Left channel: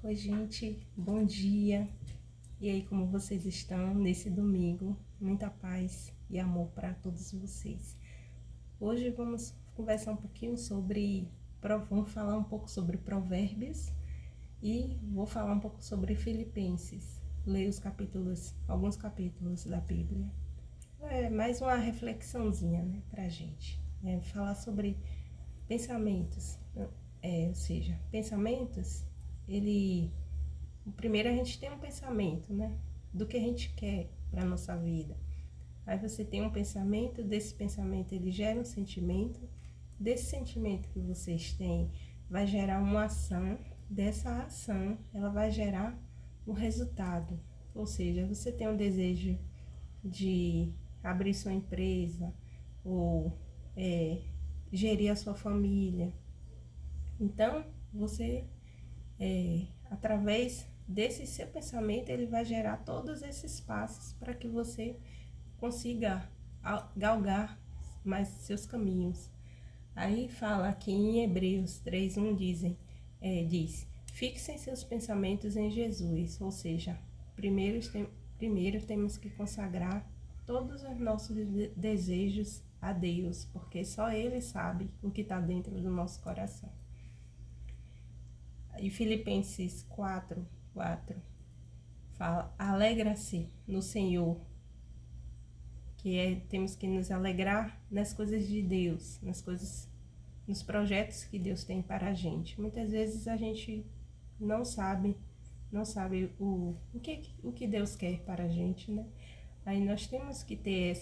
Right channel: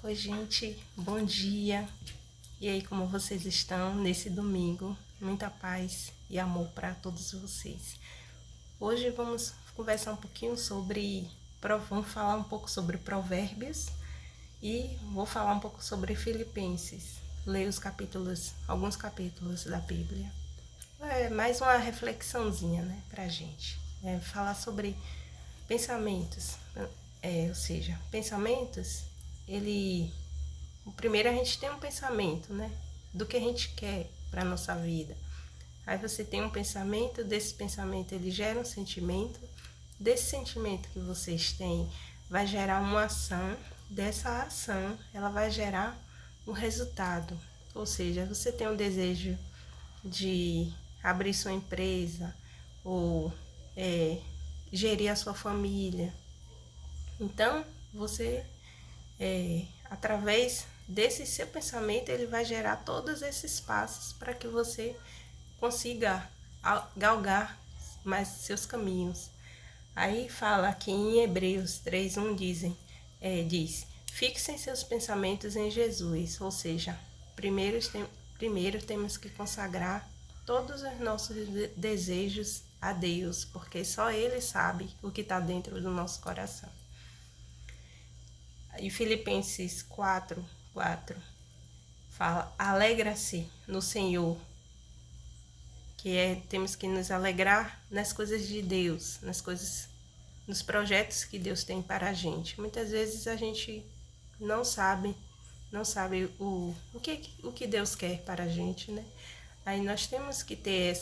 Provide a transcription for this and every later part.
Oi, gente, bom dia. E aí, como vocês estão nesse domingo? Muita paz e amor para todos vocês. Hoje vamos conversar um pouquinho vamos falar um pouco sobre Provérbios e vou falar um pouco sobre Filipenses. Leio alguns capítulos da Bíblia. É mais uma reflexãozinha, né, pra gente. Falar sobre pensamentos, ou seja, pensamentos, primeiro a gente tem um pensamento, né, do que a gente quer para nossa vida. Aí você tem um pensamento, desse pensamento ele gera um sentimento, desse sentimento que vocês têm vai gerar uma ação, dessa ação ela vai gerar um resultado. Ou seja, você tem um desejo de abrir sua empresa ou gerir a sua família. Então, você, através desse seu pensamento, ele vai gerar todos esses passos para que você consiga galgar mais seus caminhos. Aí fala aqui em Hebreus 3:1 diz: fixem seus pensamentos em Jesus, ou seja, primeiro temos que consagrar todos os nossos desejos a Deus, porque só Ele sabe o que está dentro do nosso coração. E Filipenses 4:4 fala: alegra-se no Senhor, temos que nos alegrar nas coisas de Deus, nos projetos que Deus tem para a gente. Muitas vezes a gente não sabe o que Deus quer para a gente, né? Aí nós temos que ter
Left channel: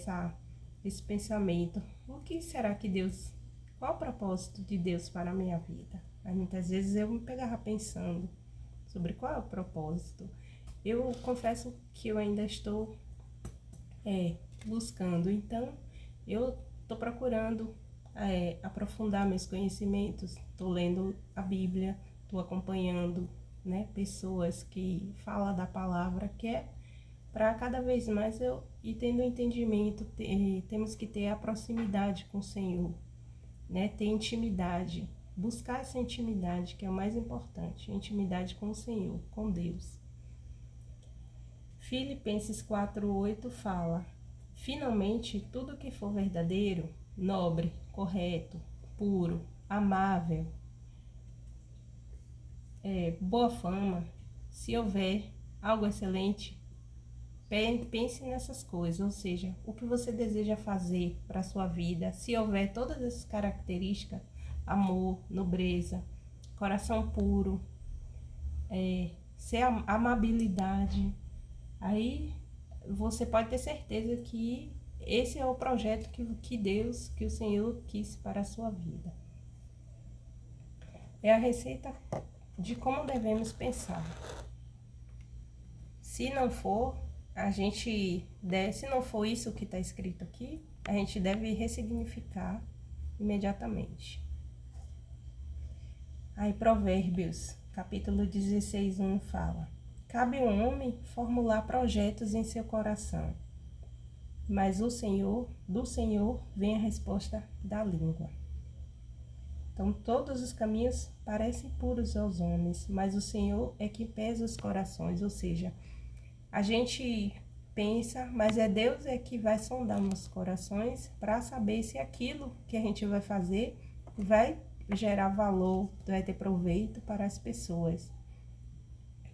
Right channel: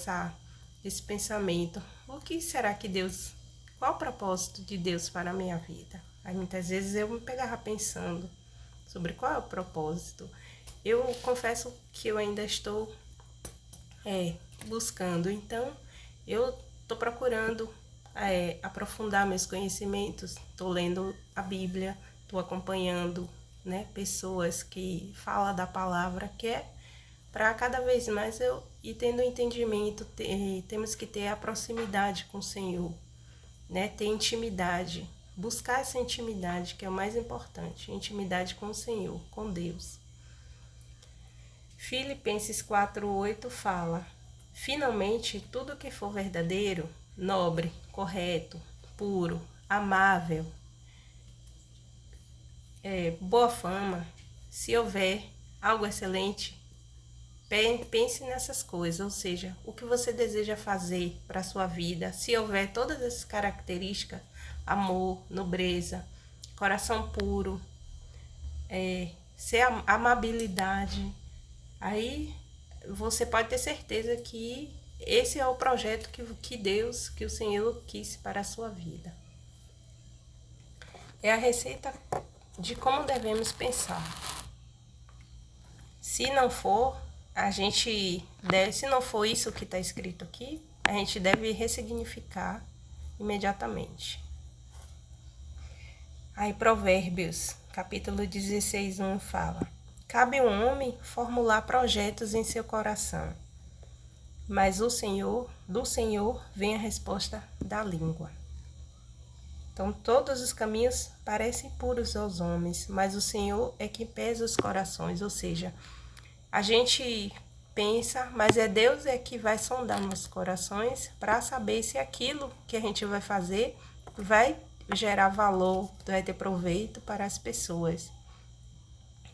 esse pensamento: o que será que Deus, qual o propósito de Deus para a minha vida? Aí muitas vezes eu me pegava pensando sobre qual é o propósito. Eu confesso que eu ainda estou buscando, então eu estou procurando aprofundar meus conhecimentos, estou lendo a Bíblia, estou acompanhando, né, pessoas que falam da palavra, que é para cada vez mais eu ir tendo entendimento. Temos que ter a proximidade com o Senhor, né, ter intimidade, buscar essa intimidade, que é o mais importante, intimidade com o Senhor, com Deus. Filipenses 4:8 fala: finalmente, tudo que for verdadeiro, nobre, correto, puro, amável, boa fama, se houver algo excelente, pense nessas coisas. Ou seja, o que você deseja fazer para a sua vida, se houver todas essas características: amor, nobreza, coração puro, amabilidade, aí você pode ter certeza que esse é o projeto que o Senhor quis para a sua vida. É a receita de como devemos pensar. Se não for isso que está escrito aqui, a gente deve ressignificar imediatamente. Aí Provérbios, capítulo 16:1 fala: cabe ao homem formular projetos em seu coração, mas do Senhor vem a resposta da língua. Então, todos os caminhos parecem puros aos homens, mas o Senhor é que pesa os corações. Ou seja, a gente pensa, mas Deus que vai sondar nossos corações para saber se aquilo que a gente vai fazer vai gerar valor, vai ter proveito para as pessoas.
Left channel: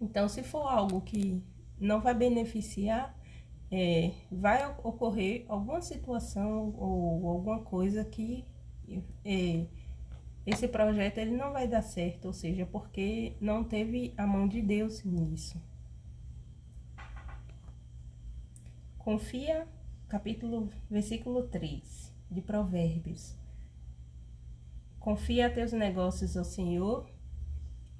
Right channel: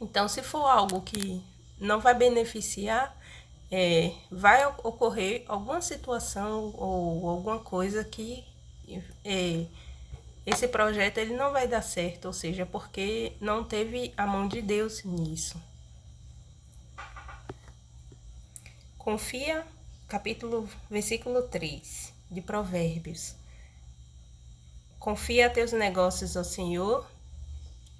Então, se for algo que não vai beneficiar, vai ocorrer alguma situação ou alguma coisa que esse projeto ele não vai dar certo, ou seja, porque não teve a mão de Deus nisso. Confia, versículo 3 de Provérbios: confia teus negócios ao Senhor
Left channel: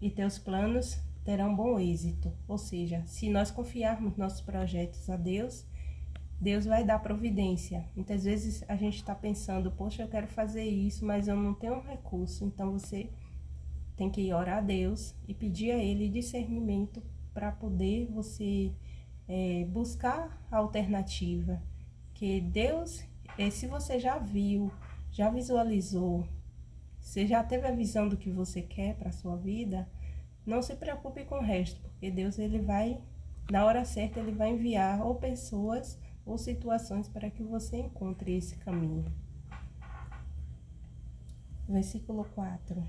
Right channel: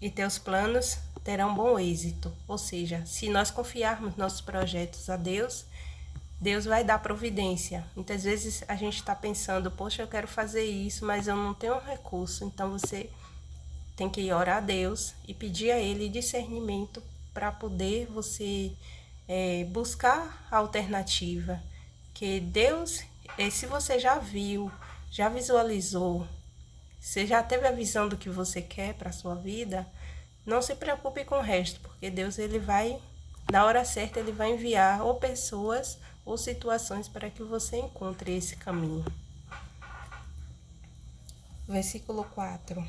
e teus planos terão bom êxito. Ou seja, se nós confiarmos nossos projetos a Deus, Deus vai dar providência. Muitas vezes a gente está pensando: poxa, eu quero fazer isso, mas eu não tenho um recurso. Então você tem que orar a Deus e pedir a Ele discernimento para poder você buscar a alternativa. Que Deus, se você já viu, já visualizou, você já teve a visão do que você quer para a sua vida, não se preocupe com o resto, porque Deus, ele vai, na hora certa, ele vai enviar ou pessoas ou situações para que você encontre esse caminho. Versículo 4.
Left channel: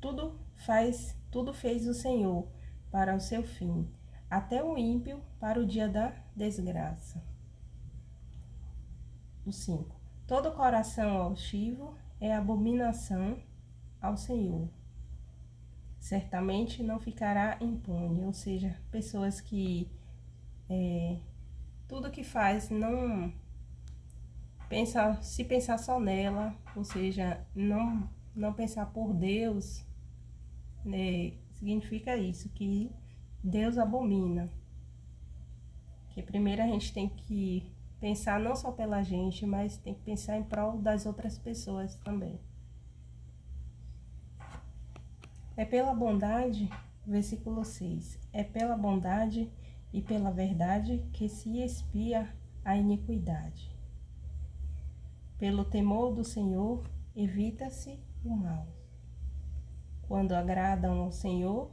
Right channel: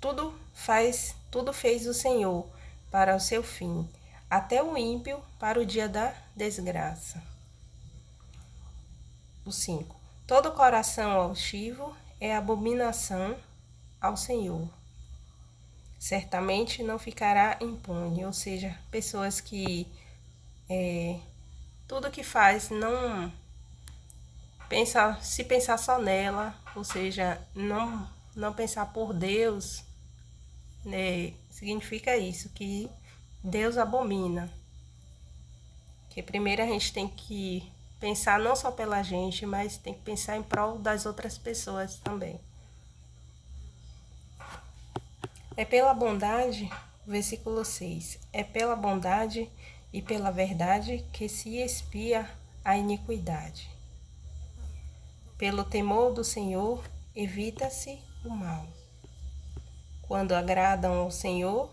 Tudo fez o Senhor para o seu fim, até o ímpio para o dia da desgraça. O 5. Todo coração altivo é abominação ao Senhor. Certamente não ficará impune, ou seja, pessoas que tudo que faz não pensa, se pensar só nela, ou seja, não pensar por Deus, né, significa isso, que Deus abomina. Que primeiro a gente tem que pensar não só pela gente, mas tem que pensar em prol das outras pessoas também. É pela bondade, versículo 6, é pela bondade e pela verdade que se expia a iniquidade. Pelo temor do Senhor, evita-se o mal. Quando agradam ao Senhor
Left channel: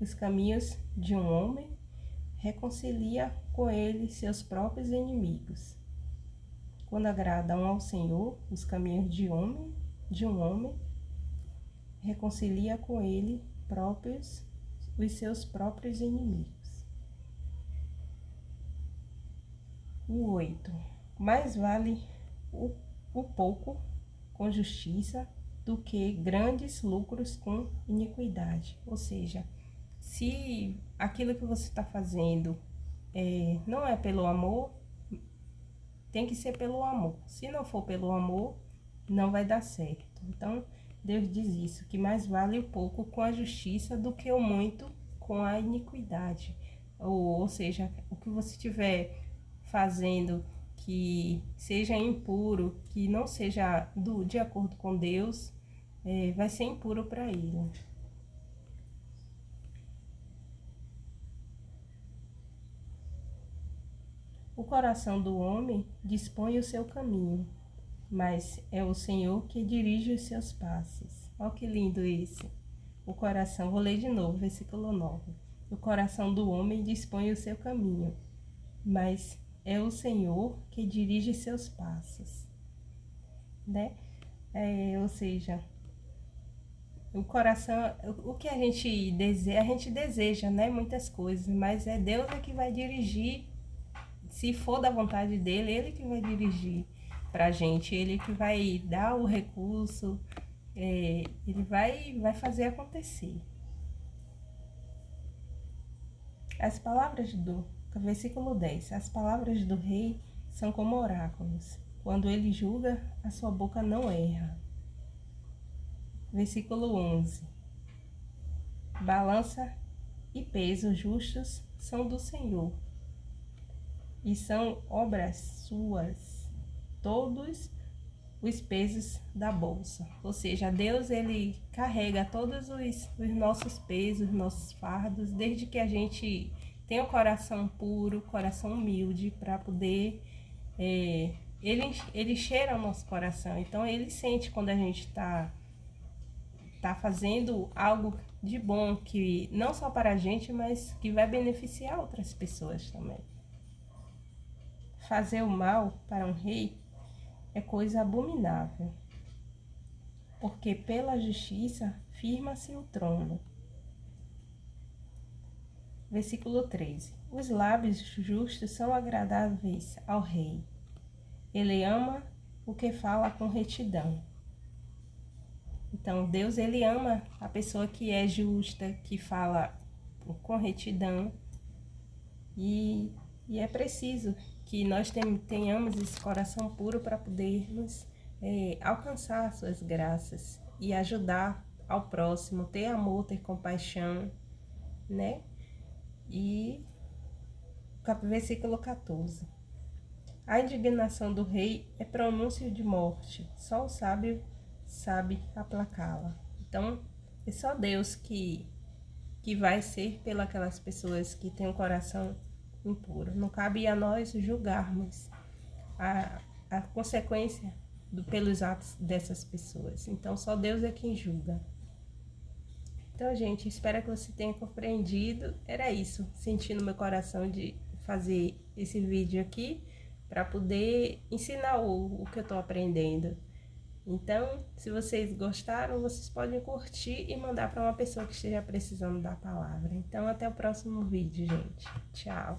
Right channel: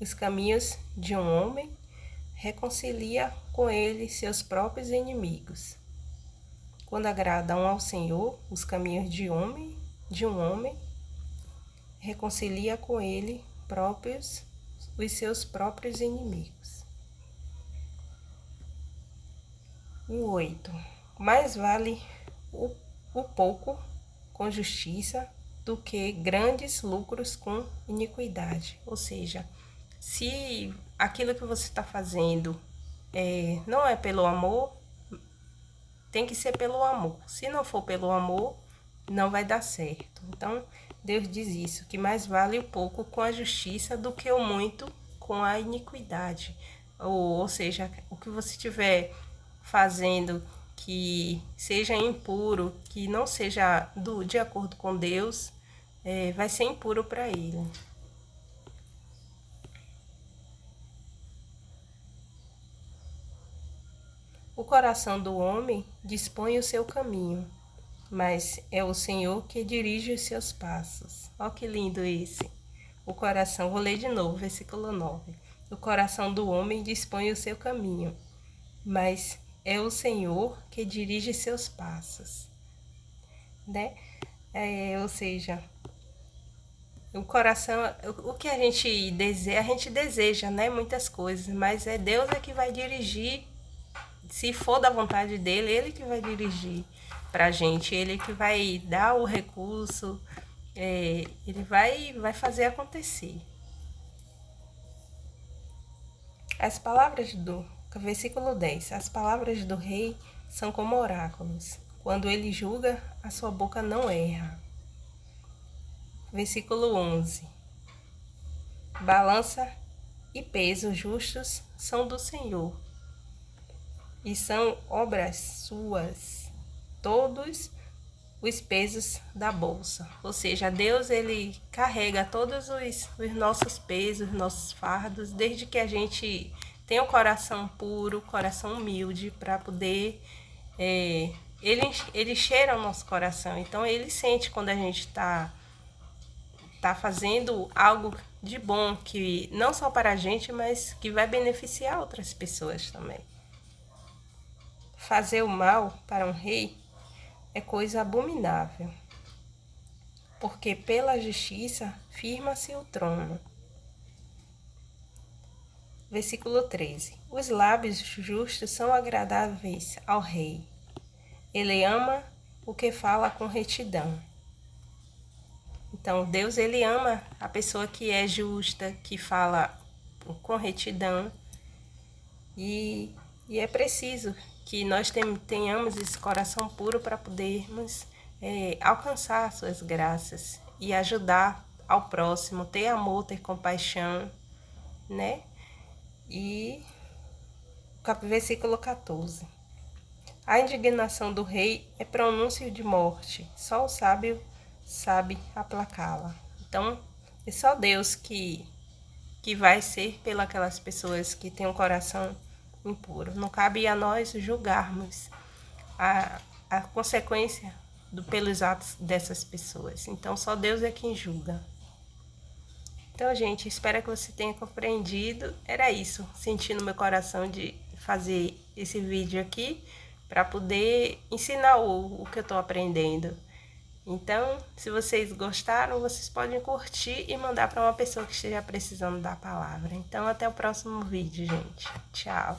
os caminhos de um homem, reconcilia com ele seus próprios inimigos. Quando agradam ao Senhor os caminhos de um homem, reconcilia com ele os seus próprios inimigos. O 8. Mais vale o pouco com justiça do que grandes lucros com iniquidade. Ou seja, se aquilo que você está fazendo não é pelo amor, tem que ser pelo amor. Se não for pelo amor, não vai dar certo. Então, Deus diz isso, que mais vale o pouco com a justiça do que o muito com a iniquidade. Ou seja, o que você estiver fazendo que seja impuro, que não seja de acordo com Deus, vai ser impuro para ele. O coração do homem dispõe o seu caminho, mas é o Senhor que dirige os seus passos. Olha que lindo esse. O coração, vou ler de novo, versículo 9. O coração do homem dispõe o seu caminho, mas é o Senhor que dirige seus passos. Né? Ou seja, o coração, o que a gente deseja, né? Muitas coisas, mas é Deus que vai dirigir. Se for da vontade dele, ele que vai dirigir pra gente, ele que vai dar o recurso, ele vai fazer acontecer. As palavras do versículo 10. As palavras do rei são como oráculos. Quando ele julga, a sua boca não erra. Versículo 11. Balança e peso justos são do Senhor, e são obras suas todos os pesos da bolsa. Ou seja, Deus, ele carrega todos os nossos pesos, nossos fardos, desde que a gente tenha um coração puro, coração humilde, para poder... ele cheira o nosso coração, então ele sente quando a gente tá fazendo algo de bom, que não só para a gente, mas que vai beneficiar outras pessoas também. Fazer o mal para um rei é coisa abominável, porque pela justiça firma-se o trono. Versículo 13. Os lábios justos são agradáveis ao rei. Ele ama o que fala com retidão. Então, Deus, ele ama a pessoa que é justa, que fala com retidão. E é preciso que nós tenhamos esse coração puro para podermos alcançar suas graças e ajudar ao próximo, ter amor, ter compaixão, né? E versículo 14. A indignação do rei é pronúncio de morte, só o sábio sabe aplacá-la. Então, é só Deus que vai ser pelas pessoas que têm um coração impuro. Não cabe a nós julgarmos a consequência pelos atos dessas pessoas. Então, só Deus é quem julga. Então, gente, espero que você tenha compreendido. Era isso, senti no meu coração de fazer esse vídeo aqui para poder ensinar o que eu tô aprendendo. Então, se vocês gostaram, vocês podem curtir e mandar para uma pessoa que esteja precisando da palavra. Então, até o próximo vídeo, gente. Tchau!